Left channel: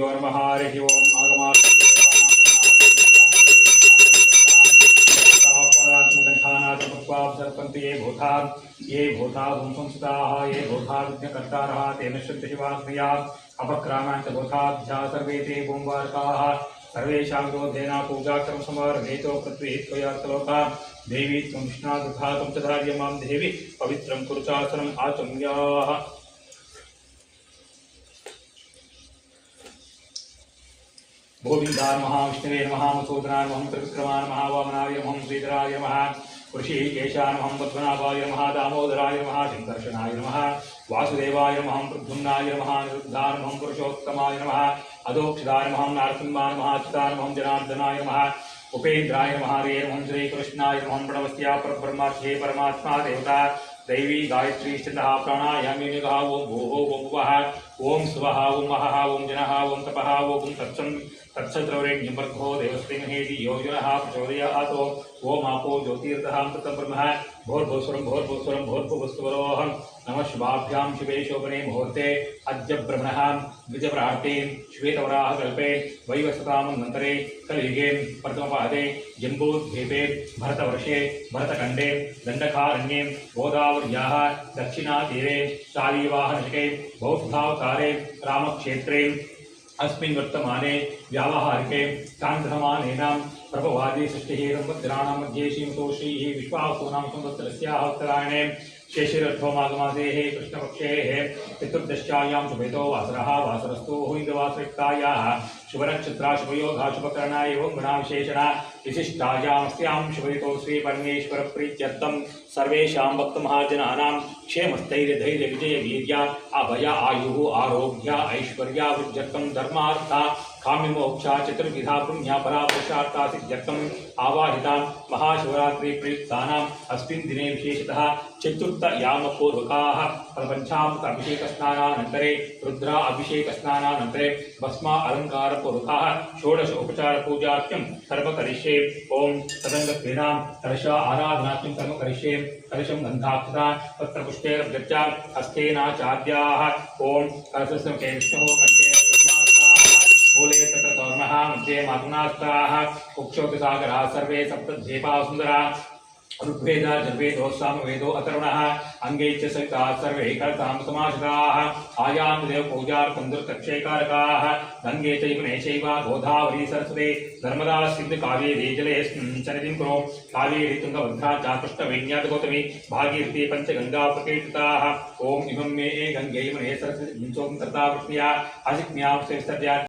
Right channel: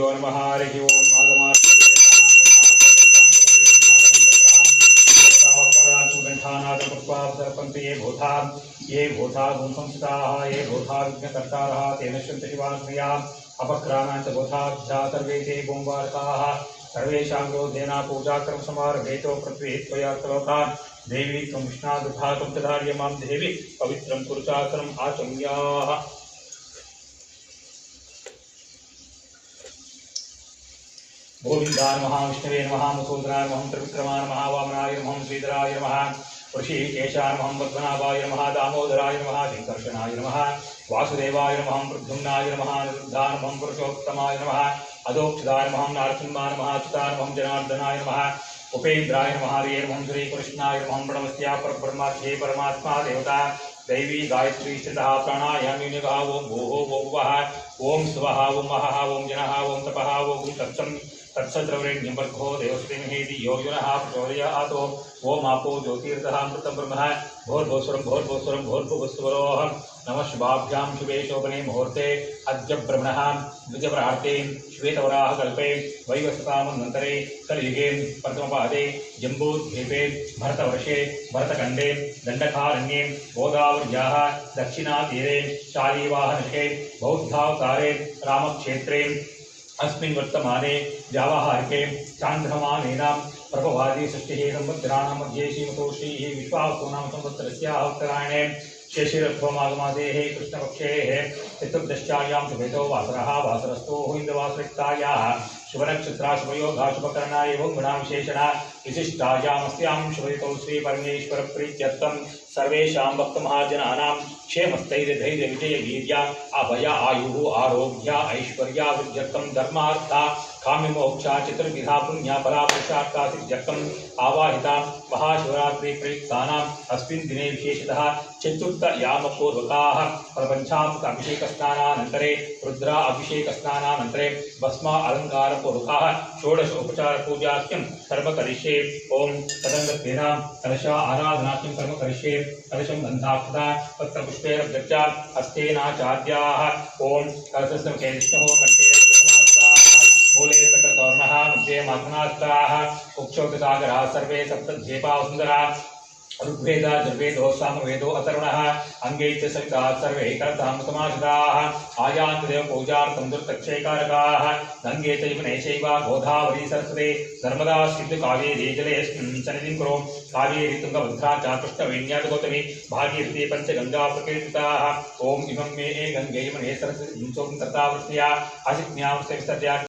नमः हरिः ओम् ये भूता संस्थिताः ये भूता विघ्नकर्तारः तेन शन्ति शिवास्मया अपक्रामाञ्च भूताभ्या सर्वे ते गुम्बारकाः सर्वेषां क्रोधेन पूजाकर्म समारभेतो पृथ्वी त्वया कलोका देवी त्वं विष्णादुघातं च धार्य मां देवी पवित्रं कुरुचासनम् आचम्याः गोविंदाय नमः विष्णवे नमः मधुसूदनाय नमः त्रिविक्रमाय नमः वामनाय नमः श्रीधराय नमः ऋषिकेशाय नमः पद्मनाभाय नमः दामोदराय नमः शंकर्षणाय नमः वासुदेवाय नमः प्रद्युम्नाय नमः निरुद्धाय नमः पुरुषोत्तमाय नमः अधोक्षदाय नमः नारसिंहाय नमः अच्युताय नमः जनार्दनाय नमः उपेन्द्राय नमः हरे नमः श्रीकृष्णाय नमः प्रणवस्या परब्रह्मर्षे परमात्मा देवता दैवी गायत्री स्थितः प्राणायामेनिगः ओं भूः ओं भुवः ओं स्वः ओं महः ओं जनः ओं तपः ओं तत्सद्रवरेण्यं भर्गो देवस्तेमहि धियो यो नः प्रचोदयात् ओम आपो ज्योतिर्तः अमृतं ब्रह्म भोर्भुवस्वरं भोर्भुवस्वरं भोर्भुवस्वरोऽहं नमः शुभाभ्यां शुभे शोभने मुहूर्ते अद्य ब्रह्मणः द्विजप्रार्थे श्वेतवराहकल्पे वैवस्वतामन्वन्तरे कलियुगे प्रथमपादे जम्बूद्वीपे भरतवर्षे भरतखण्डे दण्डकारण्ये गोदावर्याः दक्षिणातीरे शालीवाहनशके बौद्धावतारे रामक्षेत्रे अस्मिन् वर्तमाने व्यावहारिके चान्द्रमानेनां प्रभवादि सृष्टिः समुद्राणां मध्ये श्रीमतो श्रीः विश्वावसूनां संवत्सरस्याः उत्तरायणे शेषिरध्वमागमासेः कृष्णपक्षेः चतुर्दश्यायां शुभेतो वासरः वासरस्थो इन्द्रवासरिक्तायाः शुभनक्षत्रा शुभयोगा शुभकरणा एवं गुणाविशेषणा विशिष्टायामस्यां शुभरितो श्रीपरमेश्वरप्रीत्यर्थं सर्वेषां भक्तमहाजनानां क्षेमस्थैर्यधैर्यविजयवीर्या अभय आयुः आरोग्य ऐश्वर्या वृद्ध्यर्थं धर्मार्थ काम्यमोक्षा चतुर्विधा पुण्या फला पुरुषार्था सिद्ध्यर्थम् आवाहितां महाशिवरात्रि प्रयुक्तानाम् अस्मिन् दिने विशेषतः चतुर्थयामपूर्वकाः पंचामृत अभिषेकस्नानानन्तरे रुद्रा अभिषेकस्नानानन्तरे भस्मा अलङ्कारपूर्वकाः षोडश उपचारपूजाख्यं कर्म करिष्ये ओं तदङ्गत्वेनां कलशा आराधनाख्यं कर्म करिष्ये कलशं गन्धाक्षता पत्रपुष्पैरभ्यर्च्य हस्तेनाचाद्याः ओं कलशस्य विष्णुः कंठे मूले तत्र तोर्णः मध्ये मातृनास्ताः कुक्षोतिसागराः सर्वे सप्तद्वीपाः सुन्दराः ऋग्वेदा जर्वेदो सामवेदो अतरुणः अंगे च सविता सर्वे कर्तां समाहिताः आयान्देव पूजार्थं दुर्कक्षेकारकाः गंगे चैव नैचैव गोदावरी सरस्वती नर्मदा सिन्धु कावेरी जलेऽस्मिन् सन्निधिं कुरु कावेरी तुङ्गभद्रा च कृष्णवेण्या गौतमी भागीरथी पञ्चगङ्गा प्रकीर्तिताः ॐ इमं मे गङ्गे यमुने सरस्वती कर्ता वृष्ण्या असिज्ञां विसर्ज्य